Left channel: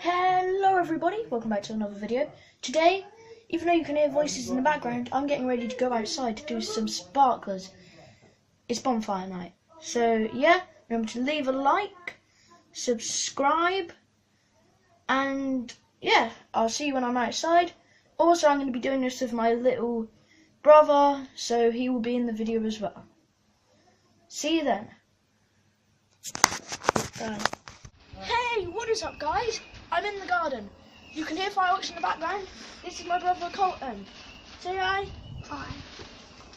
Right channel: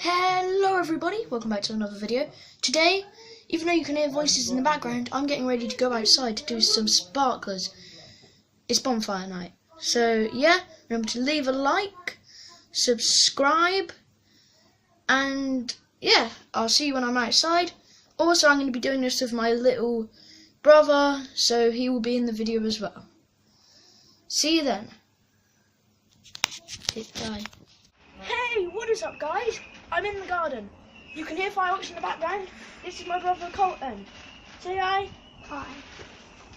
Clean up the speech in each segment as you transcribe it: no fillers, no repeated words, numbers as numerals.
Hello everybody, welcome back to another video. Today, even though you can hear voices in the background, I'm getting ready to go outside to do some sparklers. It's bonfire night. So yeah, remember to leave a like, subscribe, and yeah, I'll see you when I'm outside. Also, I'm going to be doing this with my little brother, so he will be in the video as well. See you then. Bye. Hey, what is up guys? I'm in the garden. You can hear fireworks in the background. This is my brother Colton. Say hi. Hi.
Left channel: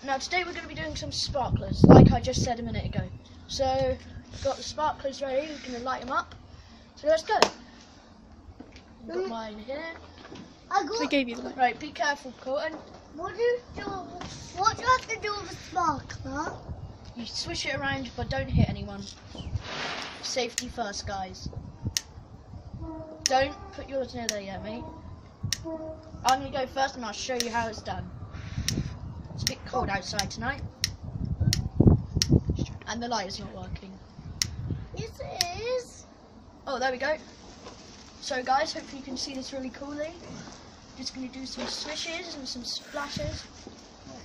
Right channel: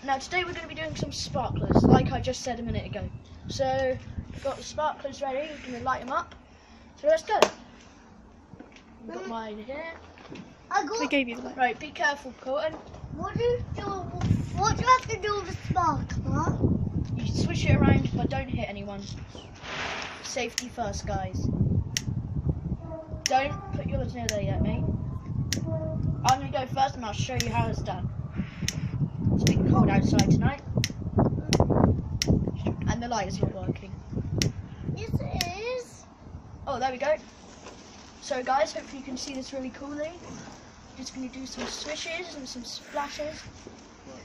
Now today we're going to be doing some sparklers, like I just said a minute ago. So, we've got the sparklers ready, we're going to light them up. So let's go. I've got mine here. I gave you the light. Right, be careful Colton. What do you have to do with the sparkler? You swish it around but don't hit anyone. Safety first guys. Don't put yours near there yet, mate. I'm going to go first and I'll show you how it's done. It's a bit cold outside tonight. And the light is not working. Yes, it is. Oh, there we go. So guys, hopefully you can see this really coolly. Just going to do some swishes and some splashes.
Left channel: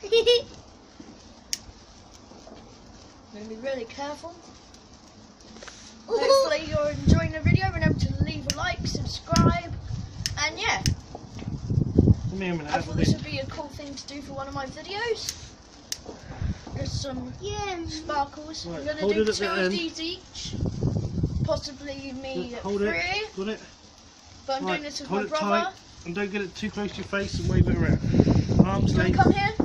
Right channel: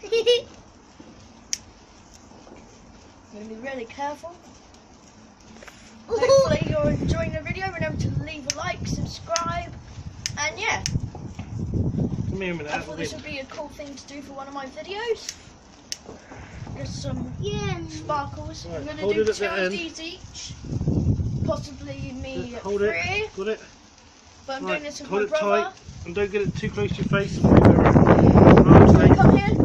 I'm going to be really careful. Hopefully you're enjoying the video. Remember to leave a like, subscribe, and yeah. I thought this would be a cool thing to do for one of my videos. Just some sparkles. I'm going to do 2 of these each. Possibly me 3. Hold it. But I'm doing this with my brother. Tight, and don't get it too close to your face. So come here.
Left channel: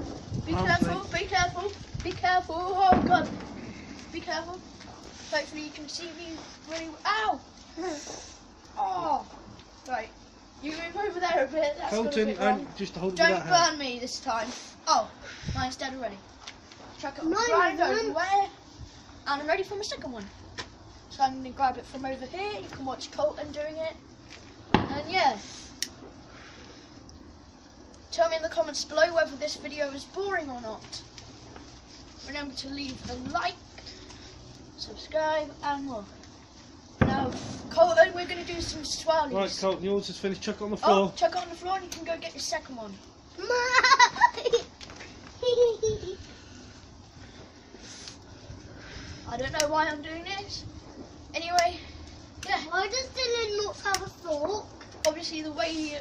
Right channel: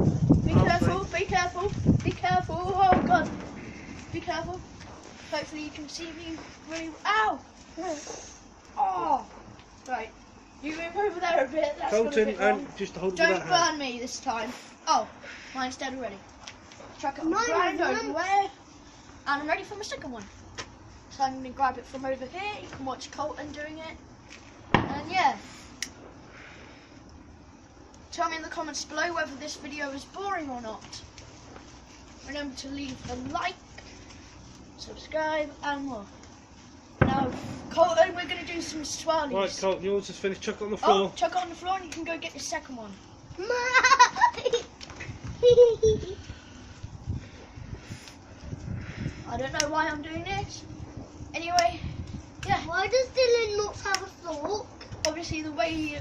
Be careful, be careful, be careful. Oh god. Be careful. Hopefully you can see me really well. Ow! Oh! Right. You move over there a bit. That's Colton, wrong. just hold Don't that burn hand. me this time. Oh, mine's dead already. Chuck it on the Mine ground isn't. everywhere. And I'm ready for my second one. So I'm going to grab it from over here. You can watch Colton doing it. And yeah. Tell me in the comments below whether this video is boring or not. Remember to leave a like, subscribe, and more. Now, Colton, we're going to do some swirlies. Right, Colton, yours is finished. Chuck it on the floor. Oh, chuck it on the floor and you can go get your second one. I don't know why I'm doing this. Anyway, yeah. Why does Dylan not have a fork? Obviously, the way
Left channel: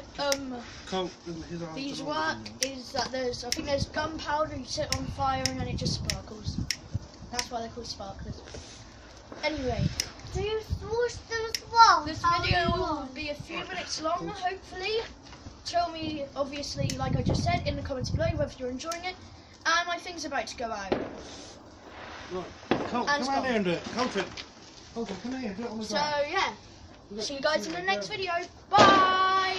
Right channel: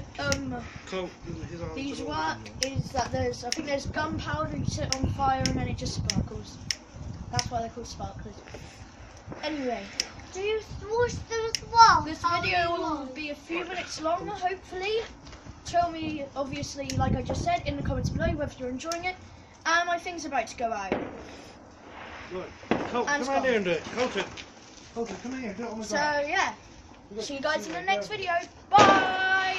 these work is that I think there's gunpowder, you set it on fire and then it just sparkles. That's why they're called sparklers. Anyway, Do you wash them as well? this video will be a few minutes long, hopefully. Tell me, obviously, like I just said, in the comments below whether you're enjoying it. And my thing's about to go out. Right. Colton, And come here and do it. Colton, come here and do it on the So, ground. yeah. See you guys in the next video. Bye!